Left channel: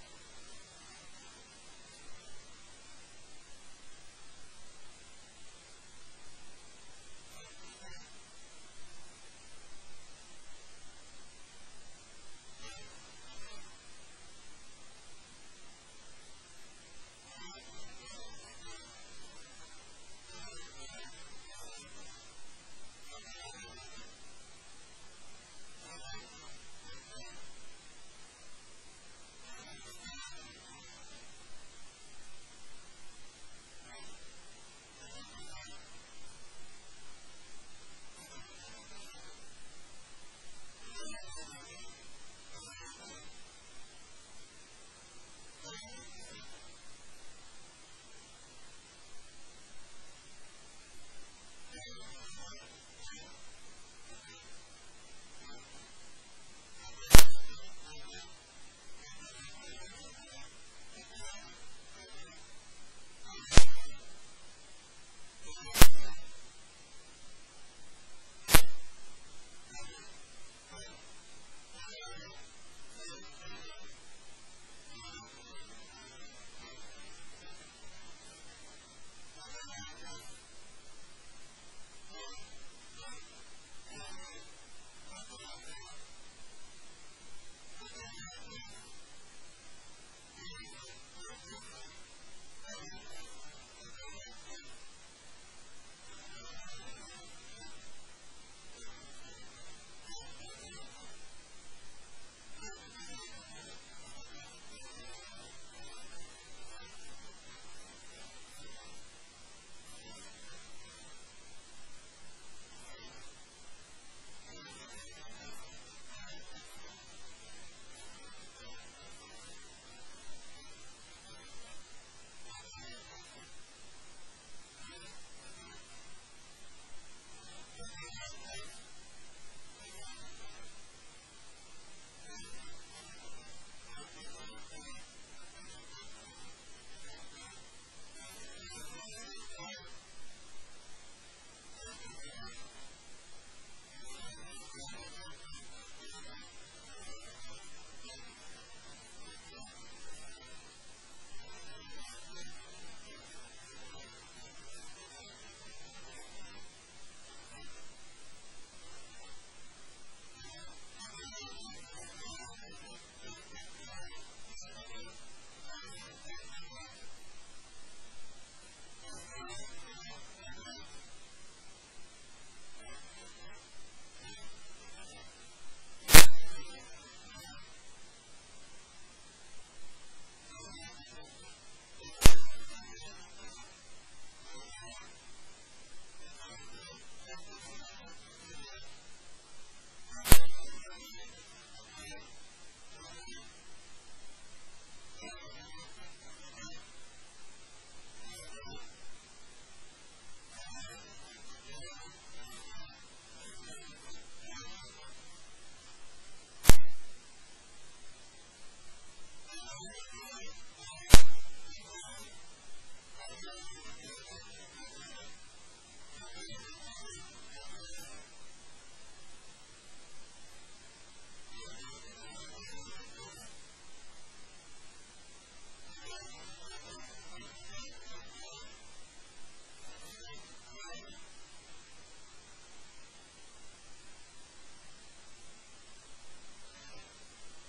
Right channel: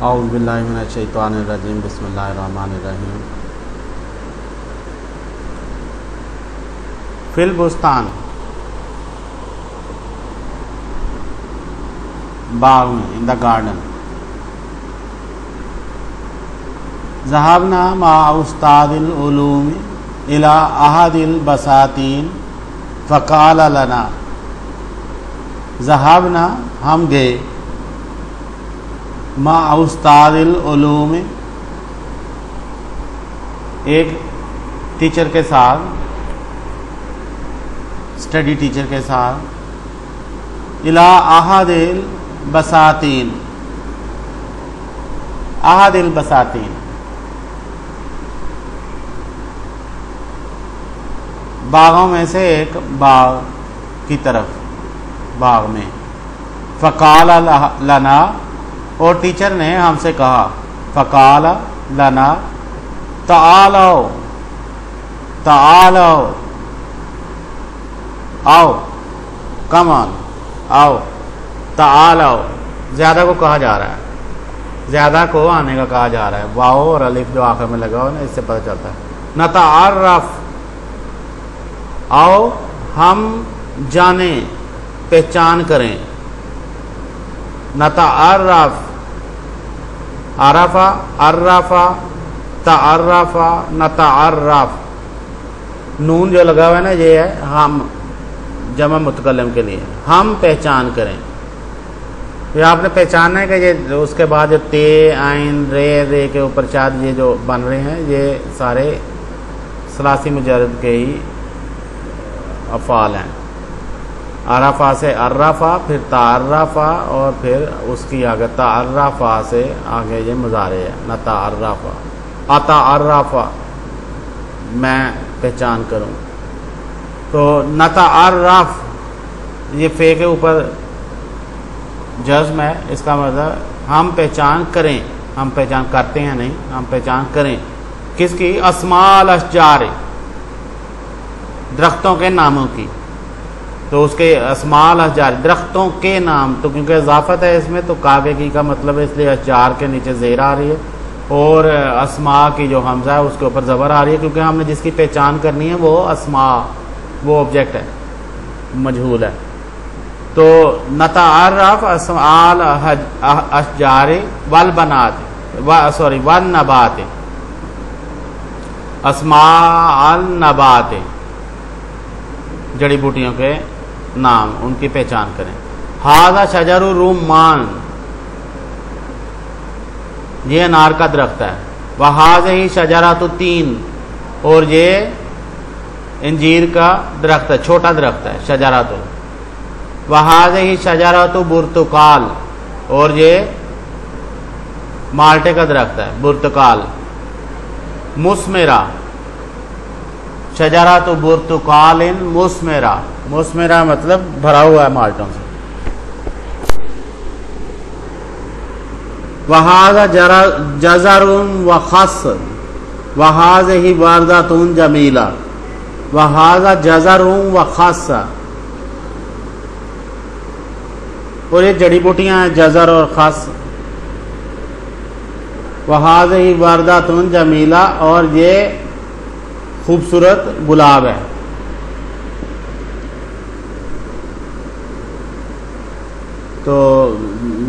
اعوذ باللہ من الشیطان الرجیم بسم اللہ الرحمن الرحیم. فی البستان، باغ میں، ان دا گارڈن. ذهبنا مع استاد العلوم الى احد البساتین فقال لنا. ذهبنا ہم گئے، مع استاد العلوم ایک ٹیچر کے ساتھ، اسٹڈی ٹیچر کے ساتھ، الى احد البساتین، احد البساتین باغوں میں سے ایک باغ کی طرف، باغ میں. فقال لنا، اور ٹیچر نے ہم سے کہا، فقال لنا تعالوا، تعالوا، آؤ، کم آن، آؤ، تعالوا. زیادہ کو کہا جا رہا ہے، زیادہ کو آنے کا کہا جا رہا ہے. واو اور الف جو آخر میں لگا ہو نا، اس سے پتہ چلتا ہے. نتعرف، آؤ ہم جانیں، پہچان کریں. نتعرف، عرفا، عرفا، تعرفا، نتعرف. نون جو لگا ہوا ہے نا، یہ ہے ہم، جمع متکلم کے لیے. ہم پہچان کریں. یہ آپ نے پہچاننا ہے کہ یہ اس کے بعد جو تے، عین، رے کے اوپر چاد یہ جو بن رہے ہیں، یہ سارے ثلاثی مجرد کے ہی افعال ہیں. عرفا سے عرفا، پھر تعرفا، اور پھر اس کی آگے تعرفا سے آگے یہ مضارع ہے. نتعرفا، اتعرفا، میں پہچان کروں. تو نتعرف یہ فے کے اوپر جزم ہے، اس کا مطلب ہم پہچان کریں. ہم پہچان کرتے ہیں نہیں، ہم پہچان کریں. کس کی؟ اسماء الاشجار، درختوں کے ناموں کی. تو اس کے اسماء الاشجار، درختوں کے نام. تو کیونکہ اضافت ہے اس میں، تو کاگے کی کا مطلب ہے، اس لیے اشجار کے نیچے زیر آ رہی ہے، اور اسماء کی جو حمزہ ہے اس کے اوپر زبر آ رہی ہے، کیونکہ ہم نے جس کی پہچان کرنی ہے وہ اسماء، وہ آبجیکٹ ہے، مجہول ہے. تو نتعرف اسماء الاشجار والبنات، سوری والنبات، اسماء النبات، جڑی بوٹیوں کے نام، ان کی پہچان کریں. ھذا شجر الرمان، یہ انار کا درخت ہے. وھذہ شجرۃ التین، اور یہ انجیر کا درخت ہے، چھوٹا درخت ہے، شجرۃ. وھذہ شجرۃ برتقال، اور یہ مالٹے کا درخت ہے، برتقال. مثمرہ، شجرۃ برتقال مثمرہ، مثمرہ مطلب بھرا ہوا ہے مالٹوں سے. وھذا جزر وخس، وھذہ وردۃ جمیلہ. وھذا جزر وخس، اور یہ جڑی بوٹیاں ہیں، جزر اور خس. وھذہ وردۃ جمیلہ، اور یہ خوبصورت گلاب ہے. تو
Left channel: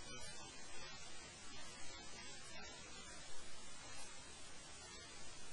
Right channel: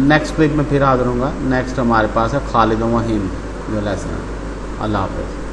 نیکسٹ کلپ میں پھر حاضر ہوں گا. نیکسٹ ہمارے پاس ہے خالد و وحیم جو لیسن ہے. اللہ حافظ.